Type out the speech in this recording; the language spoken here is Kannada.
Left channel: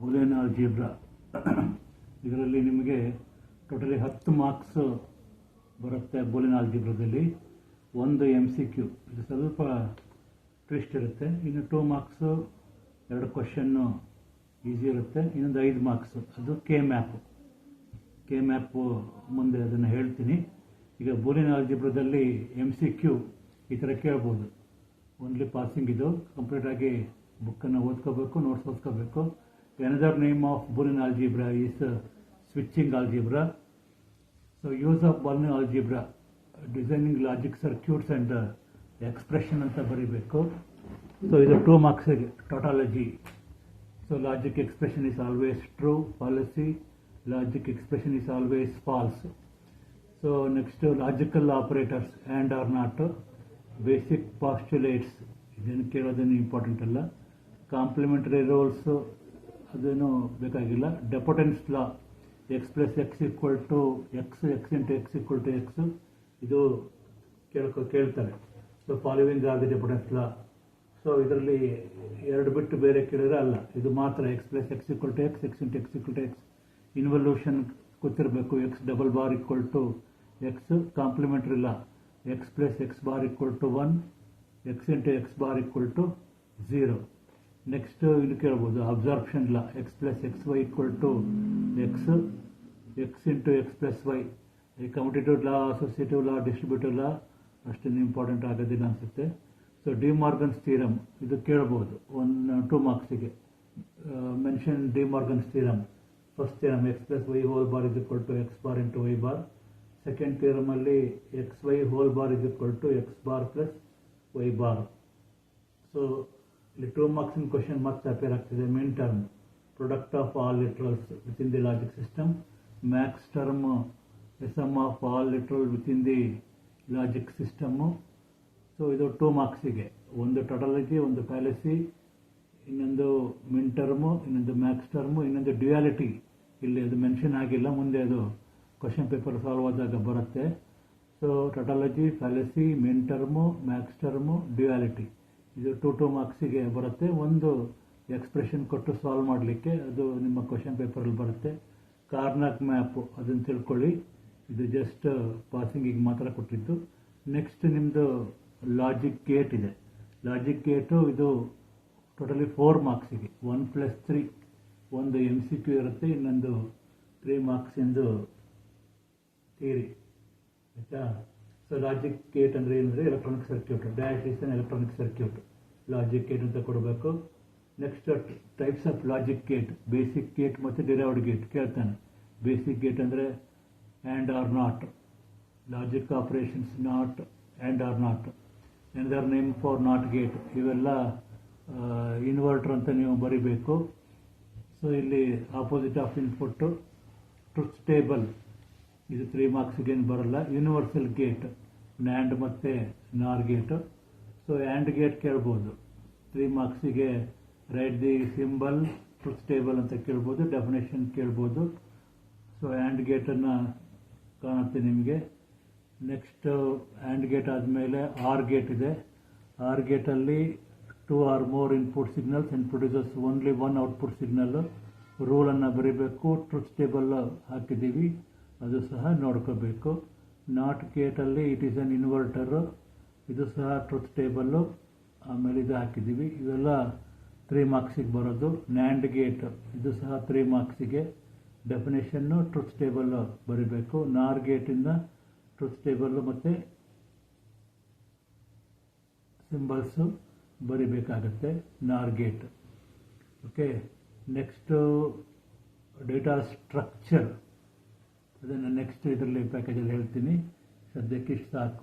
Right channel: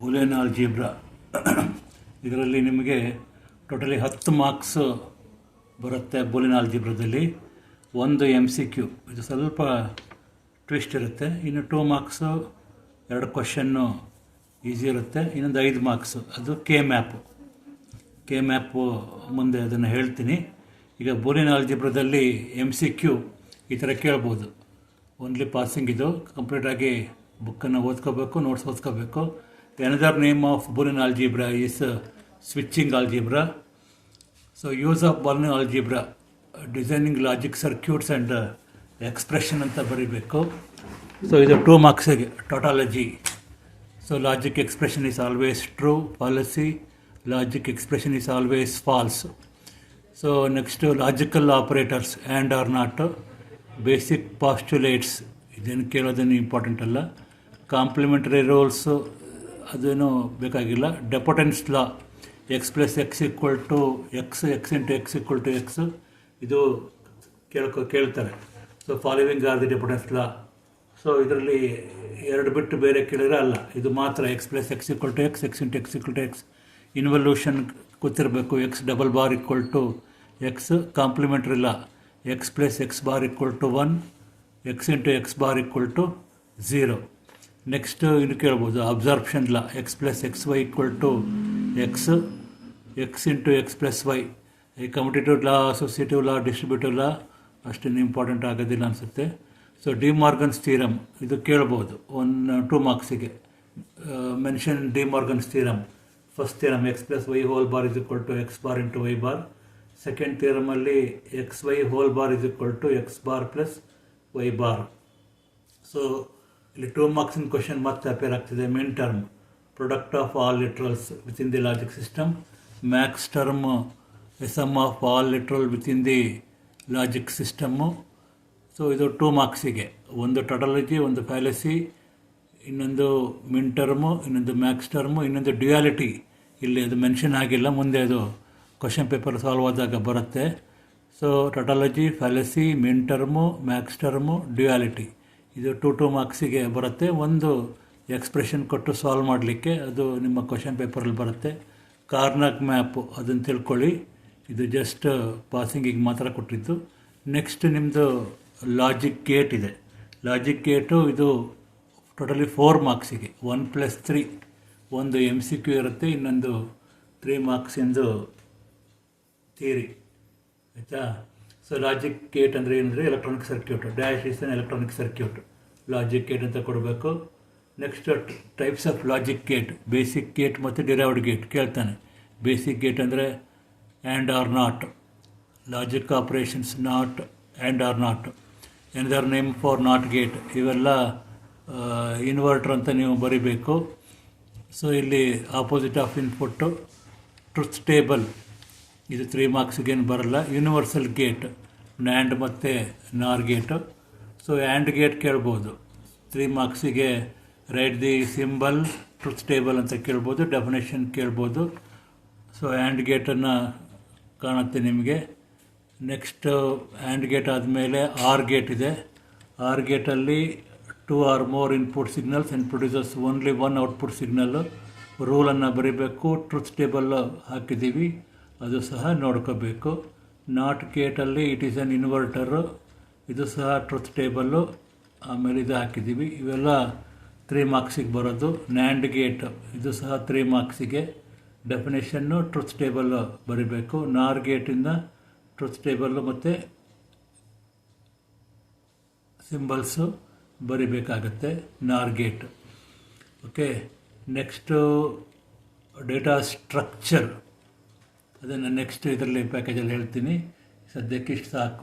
ಬೂಲಿಯನ್ ಆಲ್ಜಿಬ್ರಾ ಇದರಲ್ಲಿ ನಿಮಗೆ ಟೋಟಲಿ 10 ಮಾರ್ಕ್ಸ್ ಬರುತ್ತೆ. ಬೂಲಿಯನ್ ಆಲ್ಜಿಬ್ರಾದಲ್ಲಿ ಒಂದು MCQ, ಇದು ಸ್ವಲ್ಪ ಟ್ವಿಸ್ಟ್ ಇರುತ್ತೆ. ಇನ್ನು 2 ಮಾರ್ಕ್ಸು 2 ಕ್ವಶನ್ನು ಈಸಿ ಇರುತ್ತೆ. ಇನ್ನೊಂದು 5 ಮಾರ್ಕ್ಸು ಅದು ಕೆ ಮ್ಯಾಪು ಮುಂದೆ ಅದನ್ನು ಹೇಳ್ತೀನಿ. ಈಗ ಬೂಲಿಯನ್ ಆಲ್ಜಿಬ್ರಾದಲ್ಲಿ MCQ ಈ ಥರ ಕೇಳ್ಬೋದು. ಓನ್ಲಿ ಪಾಸಿಂಗ್ ಇದು. ಕಂಪ್ಲೀಟಾಗಿ ಬುಕ್ಕನ್ನು ಓದ್ಕೋಬೇಕು, notes ಓದ್ಕೋಬೇಕು. Another name of Boolean algebra is switching algebra. So use of Boolean algebra, designing logic circuits and expression ಅಂತ ಬರೀಬೇಕು. ಸೊ ಇದು 2 ಮಾರ್ಕ್ಸಿಗೆ tautology. So logic expression is always true, fallacy. Logic expression is always false. So next logical operators and or not, basic postulates ಇದೇನು ಕೇಳೋದೇನು ಇಂಪಾರ್ಟೆಂಟ್ ಅಲ್ಲ. ಕಾಂಪ್ಲಿಮೆಂಟರಿ ರೂಲ್ಸ್ ಅದೇನು ಬೇಕಾಗಿಲ್ಲ. Idempotence law, X plus X equal to X, X into X equal to X, ಇದು ಕೇಳ್ತಾರೆ. So following are the idempotence law. So ಇದರಲ್ಲಿ 2 ಬಿಟ್ಟು ಬೇರೆ ಕೇಳಿದ್ರೆ ಅಲ್ಲ, ಇದು ಮಾತ್ರ X plus X equal to X, X into X equal to X. Involution ಗೊತ್ತಿರಬೇಕು. X double bar equal to X. Complementary law, X plus X bar equal to 1, x into x bar equal to 0. Next ಇನ್ನು ಕೇಳ್ಬೋದು absorption law, X plus x y equal to X, X into x plus y. ಈ commutative law, associative law, distributive law ಅಷ್ಟೇನು ಇಂಪಾರ್ಟೆಂಟ್ ಆಗೋದಿಲ್ಲ ಅನಿಸುತ್ತೆ. ಸೊ ಡಿ ಮಾರ್ಗನ್ಸ್ ಥಿಯರಮ್ ಇದು ಕೇಳ್ಬೋದು 2 ಮಾರ್ಕ್ಸಿಗೆ. Mention De Morgan's theorem. First theorem X plus Y whole bar is equal to X bar into Y bar. Second ಥಿಯರಮಲ್ಲಿ X Y whole bar is equal to X bar plus Y bar. So ಇಲ್ಲಿ 2 ಮಾರ್ಕ್ಸಿನ ಕ್ವಶನ್ ಮತ್ತೆ ಅಪೇರ್ ಆಗ್ತಿದೆ. Min term, product of all literals with in the logic system. Max term, sum of all literal with in the logic system. So ಇದು 2 ಮಾರ್ಕ್ಸಿಗೆ. ಒಂದು ಟೊಟಾಲಜಿ, ಒಂದು ಫ್ಯಾಲಸಿ, ಇನ್ನೊಂದು ಮಿನ್ ಟರ್ಮು, ಇನ್ನೊಂದು ಮ್ಯಾಕ್ಸ್ ಟರ್ಮು, ಇನ್ನೊಂದು ಡ್ಯುಯಾಲಿಟಿ. ಇಲ್ಲಿ ಅದು ಮೆನ್ಷನ್ ಆಗಿಲ್ಲ, ಮುಂದೆ ಅದು ಕ್ವಶನ್ ಪೇಪರ್ ಸಾಲ್ವ್ ಆದಾಗ ಬರುತ್ತೆ. ಸೊ ಟೊಟಾಲಜಿ, ಫ್ಯಾಲಸಿ, ಮಿನ್ ಟರ್ಮು, ಮ್ಯಾಕ್ಸ್ ಟರ್ಮು, ಡ್ಯುಯಾಲಿಟಿ ಇದು 2 ಮಾರ್ಕ್ಸಿಗೆ ಬರುತ್ತೆ. ಒಂದು ಎಕ್ಸ್ಪ್ರೆಷನ್ ಕೊಟ್ಟು ಸಾಲ್ವ್ ಮಾಡಲಿಕ್ಕೆ ಅದು ನಿಮ್ಮ ಕ್ವಶನ್ ಪೇಪರಲ್ಲಿ ಬರುತ್ತೆ. ಕಾರ್ನಾಗ್ ಮ್ಯಾಪು ಅದನ್ನು ತಿಳ್ಕೊಳ್ಳಿ, ಇದು ಜಸ್ಟ್ ಪಾಸಿಂಗಿಗೆ ಮಾತ್ರ ಕೊಟ್ಟಿದ್ದು. ನೆಕ್ಸ್ಟ್ ನಿಮ್ಮದು ಲಾಜಿಕ್ ಗೇಟ್ ಇದೆ. ಲಾಜಿಕ್ ಗೇಟು ಇದು ಟೋಟಲಿ 4 ಮಾರ್ಕ್ಸಿಗೆ. 1+3 ಒಂದು MCQ ಇರುತ್ತೆ, ಇನ್ನೊಂದು 3 ಮಾರ್ಕ್ಸಿಂದು ಥಿಯರಿ, ಆಯಿತಾ. ಸೊ ಲಾಜಿಕ್ ಗೇಟ್ ಅಂದರೆ ಏನಂದರೆ electronic circuit. Dash is an electronic circuit. Logic gate ಅಂತ ಕೊಡಬೇಕು. Next types of logic gate, basic gate ಮತ್ತು ಡಿರೈವ್ಡ್ ಗೇಟ್ ಕೇಳ್ತಾನೆ. ಬೇಸಿಕ್ ಗೇಟ್ ಅಂದರೆ and or not, logic operations not, and or not. Another name for not gate, ಇವೆಲ್ಲ ಇನ್ವರ್ಟರ್ ಅಂತ ನೀವು ಬರೀಬೇಕು. ಸೊ ಇಲ್ಲಿ opposite of input, truth table ಇದು 3 ಮಾರ್ಕ್ಸಿಗೇನು ಬರಲ್ಲ. ಯೂನಿವರ್ಸಲ್ ಗೇಟ್, ನ್ಯಾಂಡ್ ಮತ್ತು ನಾರ್ ಗೇಟು. ಸೊ ಆ್ಯಂಡ್ ಗೇಟ್ ಕೇಳ್ಬೋದು 3 ಮಾರ್ಕ್ಸಿಗೆ. Write the symbol truth table ಅಂತ ಕೇಳ್ಬೋದು, ಡೆಫಿನೇಷನ್ ಕೇಳ್ಬೋದು. ಸೊ ಆ್ಯಂಡ್ ಗೇಟನ್ನು ಕಾಣುತ್ತೆ ನಿಮಗೆ. ನೆಕ್ಸ್ಟು ಆ್ಯಂಡ್ ಗೇಟ್ ಆದಮೇಲೆ ಆರ್ ಗೇಟ್ ಇದೆ. ಆರ್ ಗೇಟಲ್ಲಿ 2 or more input signals and producers only 1 output signal. ರೂಲನ್ನು ಬರೀಬೇಕು. ಟ್ರುತ್ ಟೇಬಲ್ ಹಾಕಿದ್ದೀವಿ, ಅದು ಸಹ ನೋಡ್ಕೋಬೇಕು. ನಾಟ್ ಗೇಟಲ್ಲಿ ಇಟ್ ಈಸ್ ಅನ್ ಇನ್ವರ್ಟರು, ಇದು ಸಹ ಟ್ರುತ್ ಟೇಬಲ್ಲು, ಆಮೇಲೆ ಇದು ಹಾಕಿದ್ದೀವಿ. ಇವೆಲ್ಲ 3 ಮಾರ್ಕ್ಸಿಗೆ ಬರೋದು. ನ್ಯಾಂಡ್ ಗೇಟ್ ಇದು ಸಹ 3 ಮಾರ್ಕ್ಸಿಗೆ. ಡೆಫಿನೇಷನ್ನು ಟ್ರುತ್ ಟೇಬಲ್ಲು ಬರೀಬೇಕು. ನಾರ್ ಗೇಟಿಂದ ಟ್ರುತ್ ಟೇಬಲ್ಲು ಮತ್ತು ಸಿಂಬಲ್ಸು ಬರಿಬೇಕಾಗತ್ತೆ. Nor gate. Okay. Next data structure, ಅದನ್ನು ನೆಕ್ಸ್ಟ್ ಇದರಲ್ಲಿ ಪ್ಯಾಕೇಜಲ್ಲಿ ಹೇಳ್ತೀನಿ. ಸದ್ಯಕ್ಕೆ ಇಷ್ಟು ಸಾಕು.